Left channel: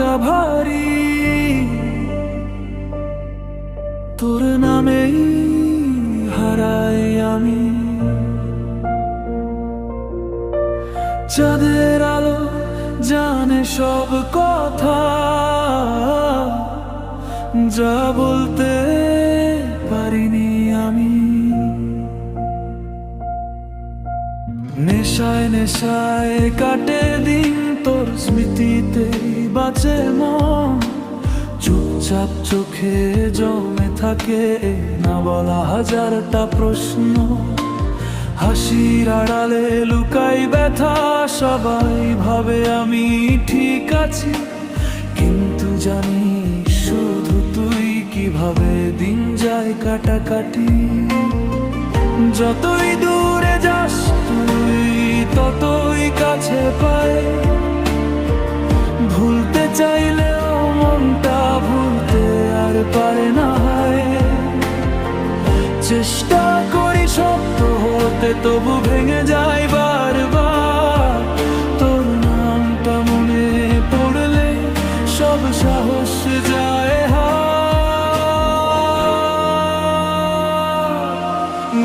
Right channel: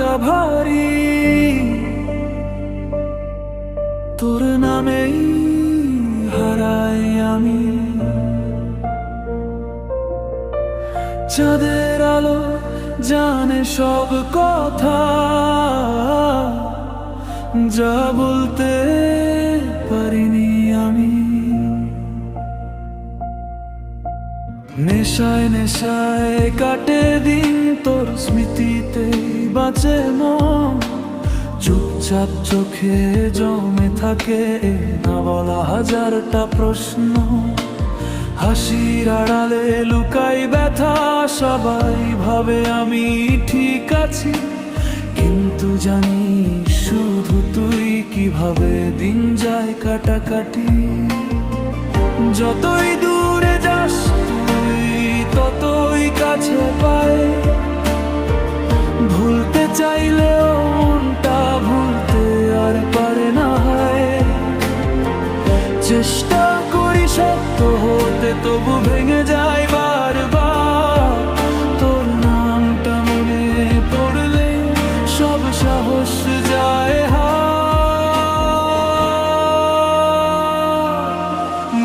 মনটা ভারী, তোর নামেই হারাই আমি। চাঁদের আলো জানে সব কথা, যা বলতে পারিনি আমি। নেশায় নেশায় কাটে দিন, তোর স্মৃতিতেই বাঁচে মন। চুপচাপ চোখে জমে থাকে না বলা হাজারটা প্রশ্ন। হাসির আড়ালে লুকাই ব্যথা, সবাই ভাবে আমি ঠিক আছি, কিন্তু জানি শুধু তুই কিভাবে দিন যায় কাটাকাটি। যতই দূরে যাস তুই ততই কাছে পায়, ভুলতে চাইলেও মনটা ভুলতে আর পারে না হয়। চেষ্টা করি শক্ত হতে, তবু ভেঙে যায় বারবার। তোর নামটা মনে পড়লে সব সাহস যায় হার।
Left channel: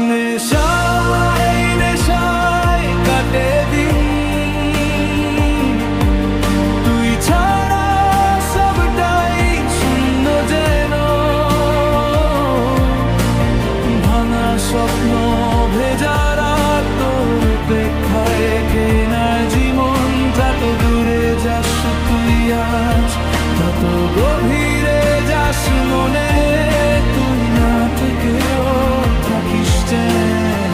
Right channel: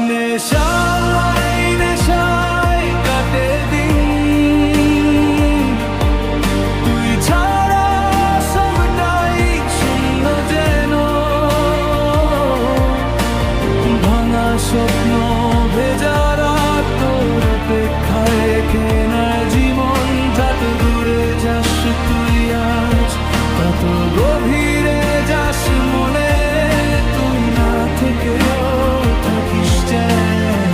নেশায় নেশায় কাটে দিন, তুই ছাড়া সবটাই শূন্য যেন। ভাঙা স্বপ্ন ভেজা রাত, তোর অপেক্ষায় কেনা জীবন। যত দূরে যাস তুই আজ, তত গভীরে যাস মনে। তুই না থেকেও থাকিস যেন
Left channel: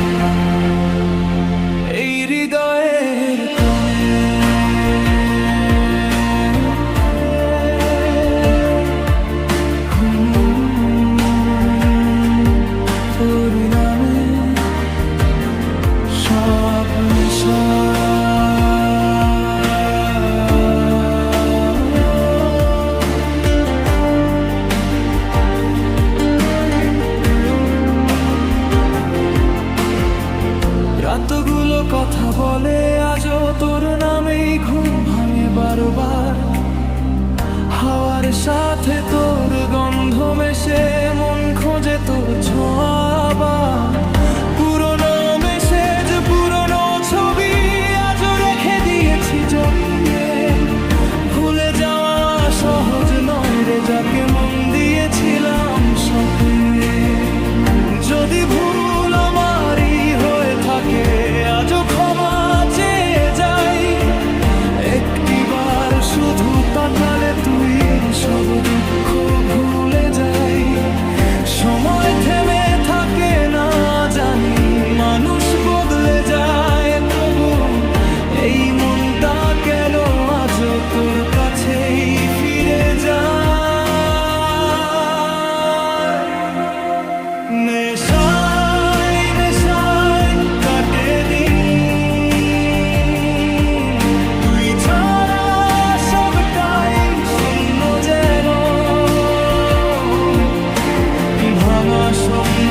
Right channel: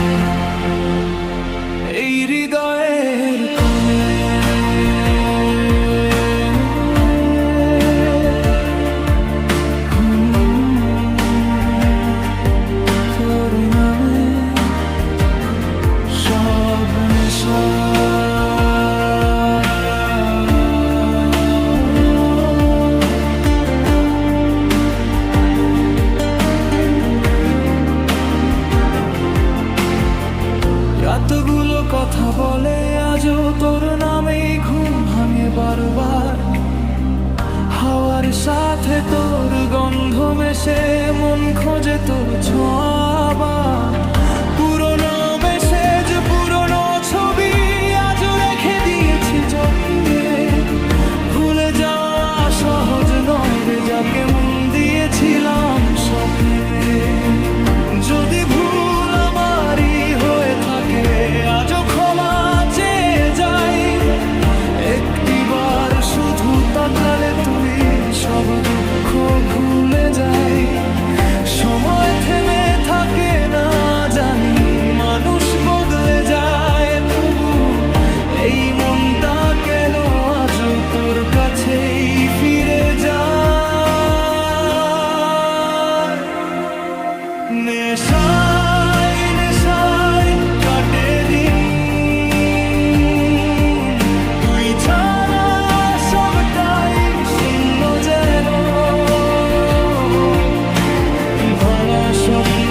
এই হৃদয়ের কোণে। তোর নামে সব নেশা। রাতগুলো কথা বলে আজও, তোর নামেই ঘুম ভাঙে বারবার। হাওয়ার সাথে তোর গন্ধ মেশে, মন খোঁজে তোর ছোঁয়া। পুরনো মেসেজ পুরনো ছবি আজও রেখে দিয়েছি যত্নে। ভুলে যাওয়া সহজ নয় রে, যাকে মন দিয়েছিলাম স্বপ্নে। যদি ভুল আমারই হয়ে থাকে, আজও ক্ষমা চেয়ে যাই। একটিবার শুধু তাকালে তুই সব দুঃখ ভুলে যাই। সময় থেমে থাকে না জানি, মানুষ বদলে যায়, তবু এই মনটা কেন আজও তোর কাছেই ফিরে যায়। নেশায় নেশায় কাটে দিন, তুই ছাড়া সবটাই শূন্য যেন। ভাঙা স্বপ্ন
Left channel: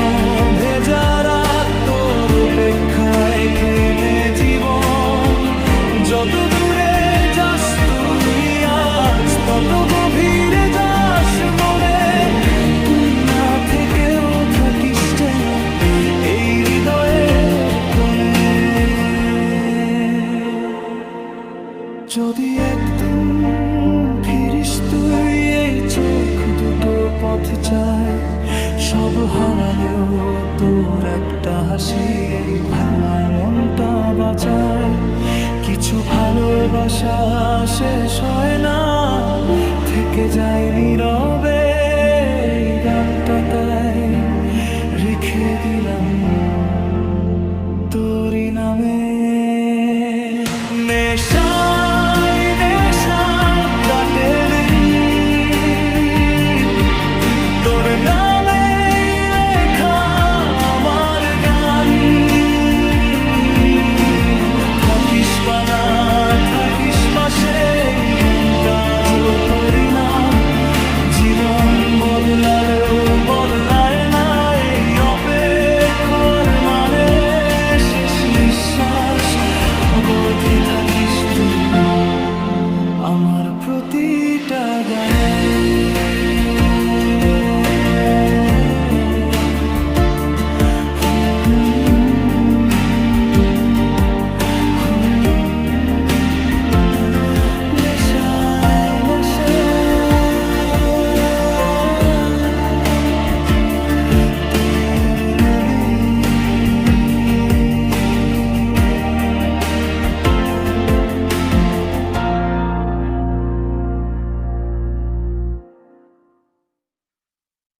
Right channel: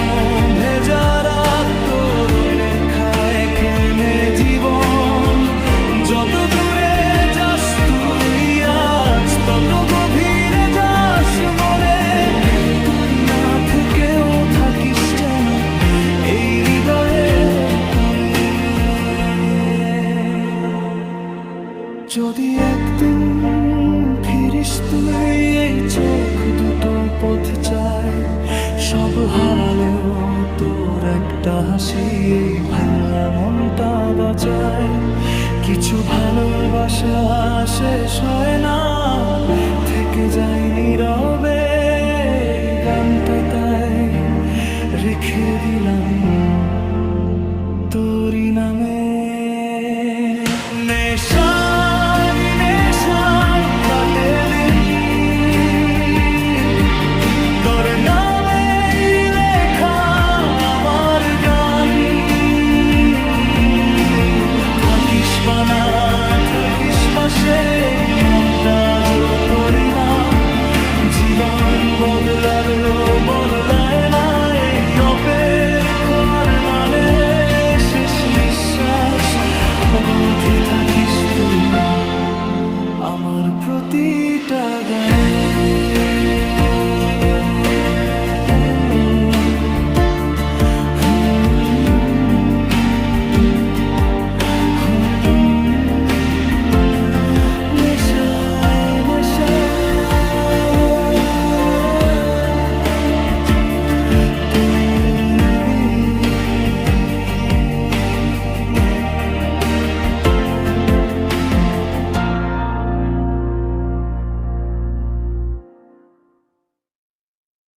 ভেজা রাত, তোর অপেক্ষায় কেমে জীবন। যত দূরে যাস তুই আজ, তত গভীরে যাস মনে। তুই না থেকেও থাকিস যেন এই হৃদয়ের কোণে। যদি একদিন ফিরিস তুই, এই চোখ দুটো পথ চায়। সব হারালেও তোর একটা হাসি এই ভাঙা মনটা বাঁচায়। কিছু ভালোবাসা শেষ হয় না, থেকে যায় নীরবে এই গানটা, তাই রেখে দিলাম তোরই নামে। নেশায় নেশায় কাটে দিন, তোর নামে লেখা আমার গান। থাকিস বানা থাকিস পাশে, মনটা যো তোরই নাম। জীবন বদলালেও বদলায় না এই অপেক্ষার মানে। শেষ নিঃশ্বাস অবধি থাকিস তুই আমার প্রতিটা গানে।